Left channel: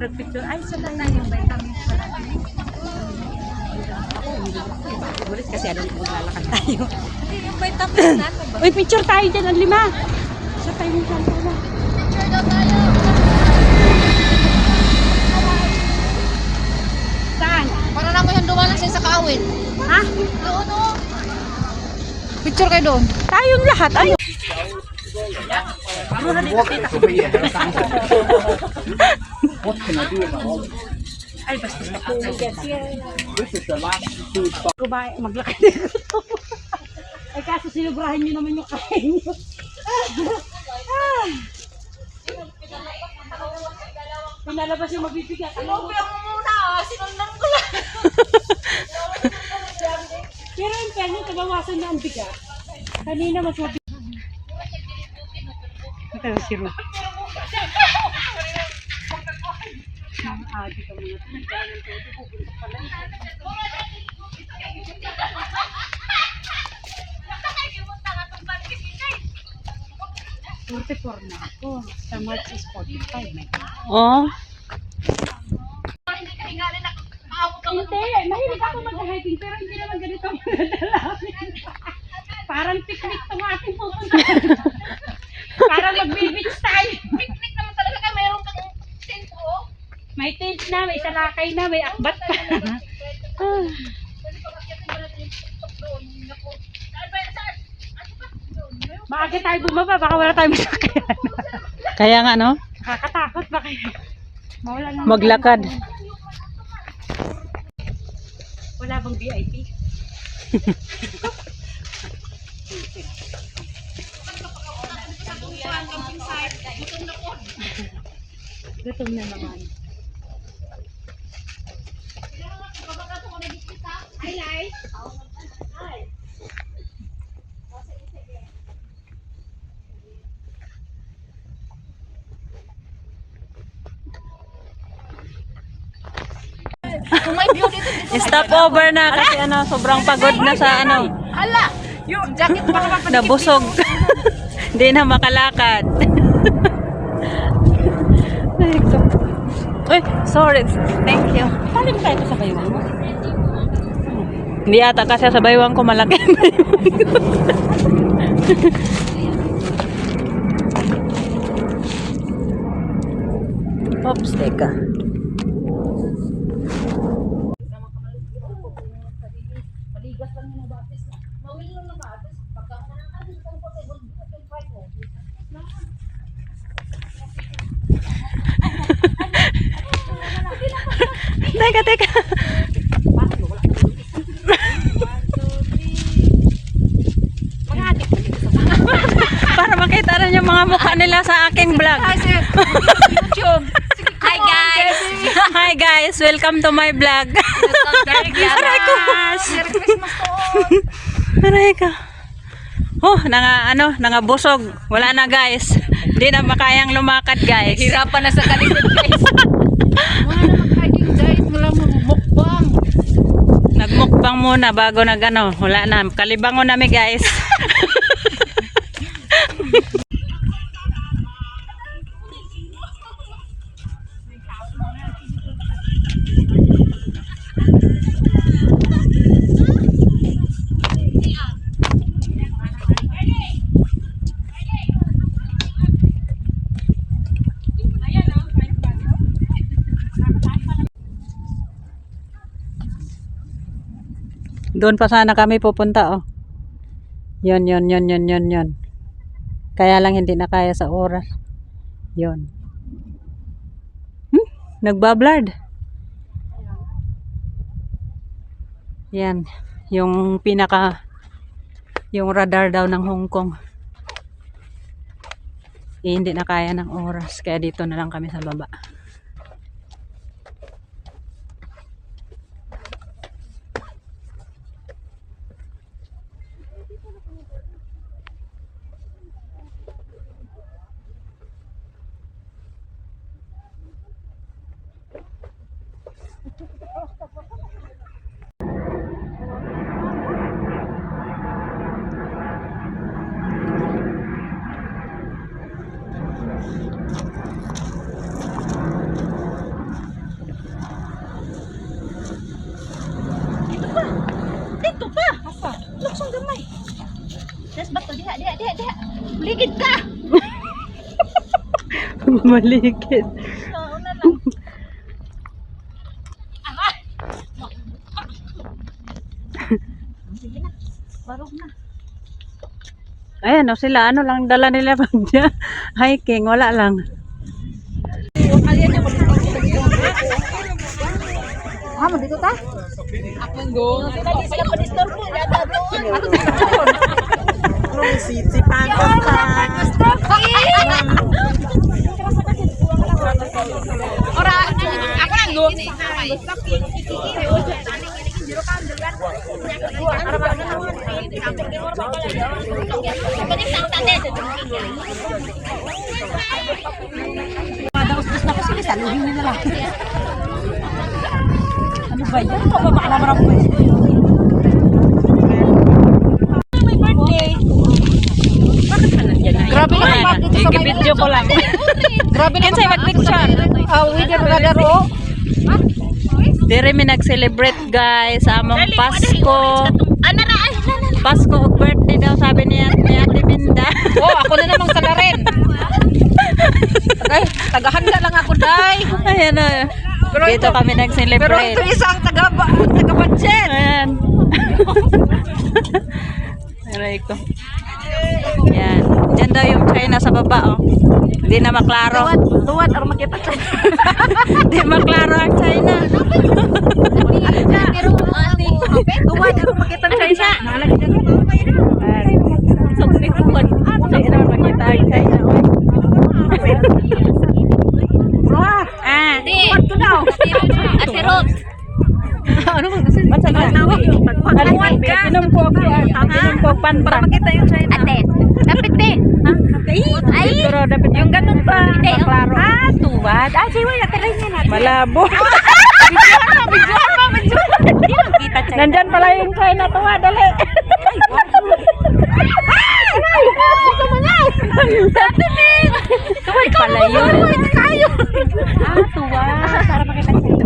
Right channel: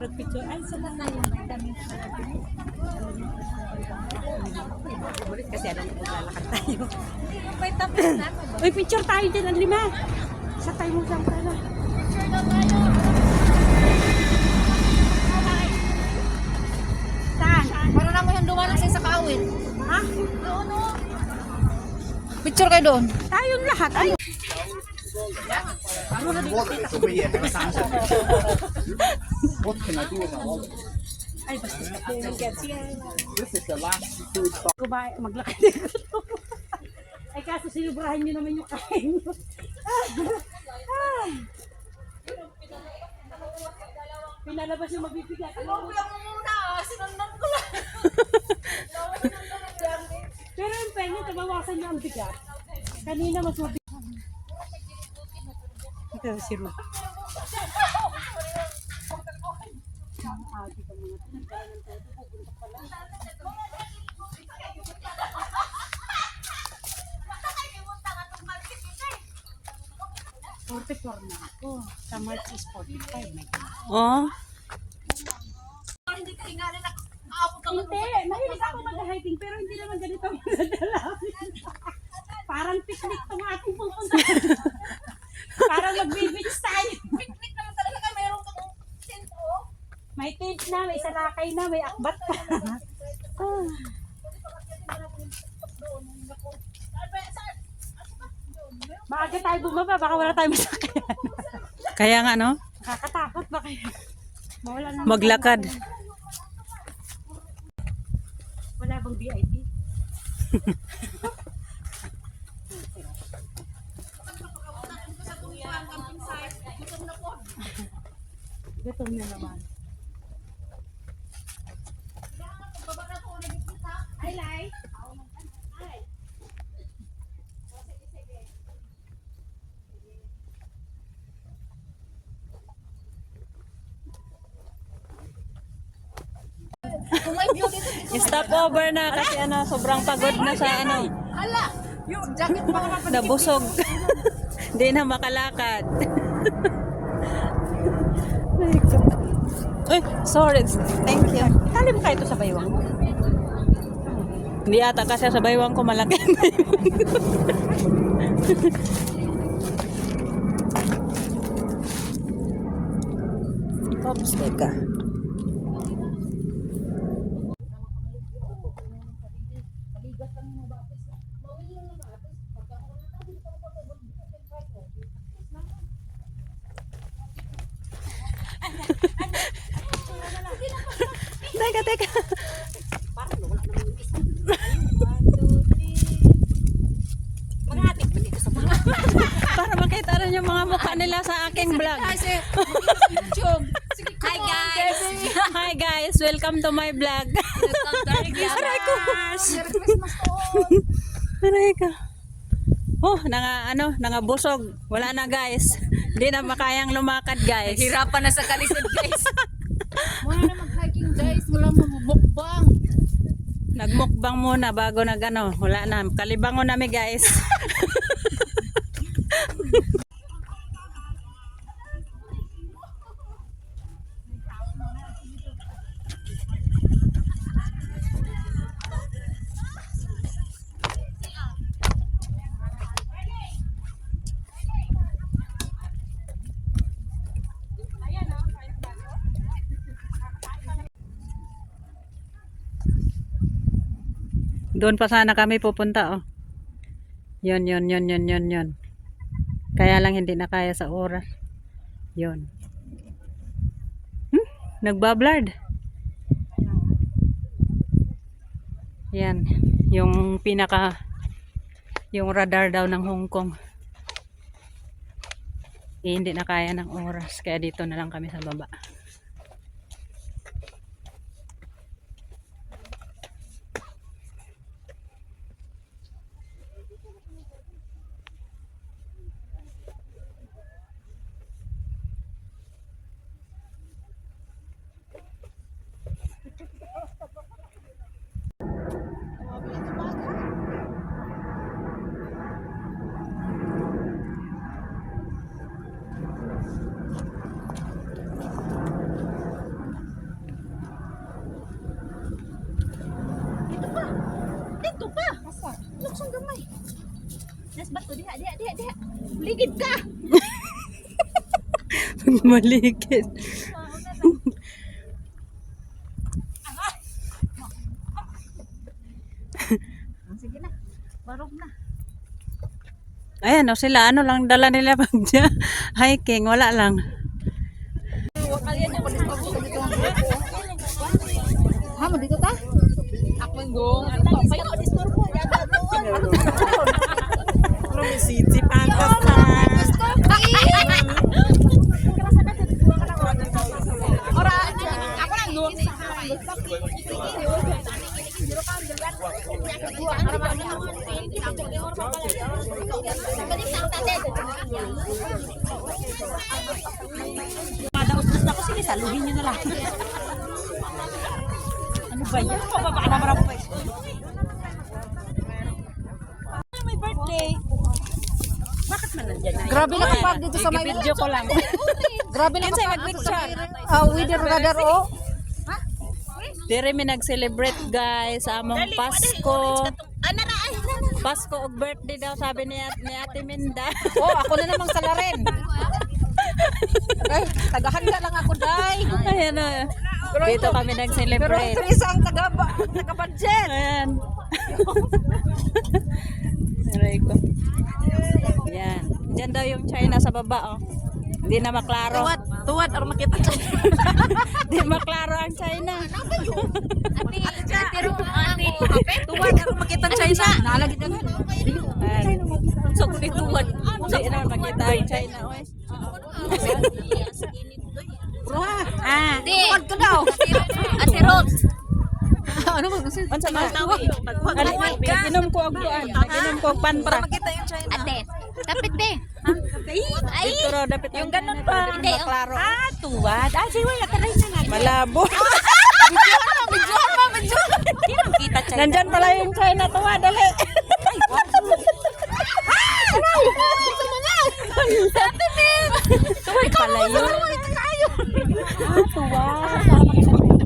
Picture ay sila yung vitamin pala din. Ulit kasi ano maglalakad tayo. Yung vitamin natin ba? Uy, picture tayo dyan ang 5. Sa tayo saan pala. Picture daw tayo. Saan? Para na mo yung dumalang sa kaawin. Ha? Doon o. Picture kayo doon. Tayong lahat. Ano? What can I do about it? Ay, basta This is the last food stop. kumain, maglakad dito. Ay, kaso sinubrahan nyo naman yung kain nyo. Pinalabas yung mabibigat. Ano mo muna ah. Sinundan ko lang. Pero yung pen yung tabawasan na ang bigat. Kanina mas mabigat. Ito si Ru. Adi ka muna. 44 na ako. Sa March is 45. May oh. Hindi ka hingalin na. Maawag ka mo. Hindi, mahilig ako mag-hiking pero hindi naman ganito ang madalamin. Parang picnic itong ating pupunta. Parang mag-beach tayo. Picnic naman talaga ka. Mayroon kang tent o. May tent na, may salakay na, may akbat pa. Maaga tayo bumaba, baka wala tayong masakyan. Kaya nga no, Nakakatakot ba kayo? Mawala na. maglakad. Wala bang VIP? Gutom na naman. Kung may view dito. Stop over na kasi ano, sobrang pagod na sa ano, Hala. Yung jacket pa naman. nabusog. Hindi na makalakad. Uy, sorry. Thank you. Tali mo tayo ito sa baywang mo? Hindi ata kasi sa baywang ko malaki. Oops, teka. Teka. Para makita rin yung mga mukha nila sa aking vlog. YouTube. Hi guys. Hi guys, welcome to my vlog. Merry Christmas. Merry Christmas to all. Aray ka. Oh, nangabusog. Wala na guys. Hindi na makayang lumakad guys. Hirapan na sa kalisod guys. Wala na mag-hiking guys. Wala mo mukbang. Nagmukbang muna bago wala na. Kalibangon namin guys. Doon pa sana kami pupunta oh. Yun. Kaya lang hindi na kaya sa oras. Yun. Nagbablard. Yan. Yung radar daw ng Hong Kong. Hindi na kaya ng oras. Kaya dito na lang kami sa baba. Ligid ka! Maligid. Barog na. Ayan o sila, ano lang dala nila pag hiking, wala lang. Mo dito ta? Si Pakistan. Ora, ako lang do. Madaos-dos na ko sila, saluhin niyo na lang. Ano ba yan? Pababa na marang po. May birthday. Bakit ka nandiyan na? Grabe na pag dito sa may Video ko lang. Grabe na Kinsay mag-picture? Uwi ka na daro. Dire mi nag-celebrate guys sa among Pasko. Pasko ug birthday daw sabi niya ni Ate Minda. Oh, ako na namang salarin. Ay, tagahanda lang ako, day. Ayan o. Dito kami Pero nag-celebrate. ito isang taga-budget. Ayan. Aray ko. Yan. Diyan daw yung China sa baba oh. Hindi na maklaro. Tuwad, or makita siya. Hindi maklaro ang China. Tuwad, or makita siya isa. So, biguan. Sa'yo na makita ang China oh. Ah. Tuwad ko daw. Ate Rose. Ano mo kasi? Tagpag-alawad ka. Inom ko ako. Inom ko ang panpang. Makita yung China. Ate, dapat din. Ay! Pero dapat yung ganun pa. Maklaro. Tuwad. Sige, wala talay niya natin. Malabo. Nandyan pala yung China tuwa. Dali. Pala yun. Tuwad. Para makita niyo.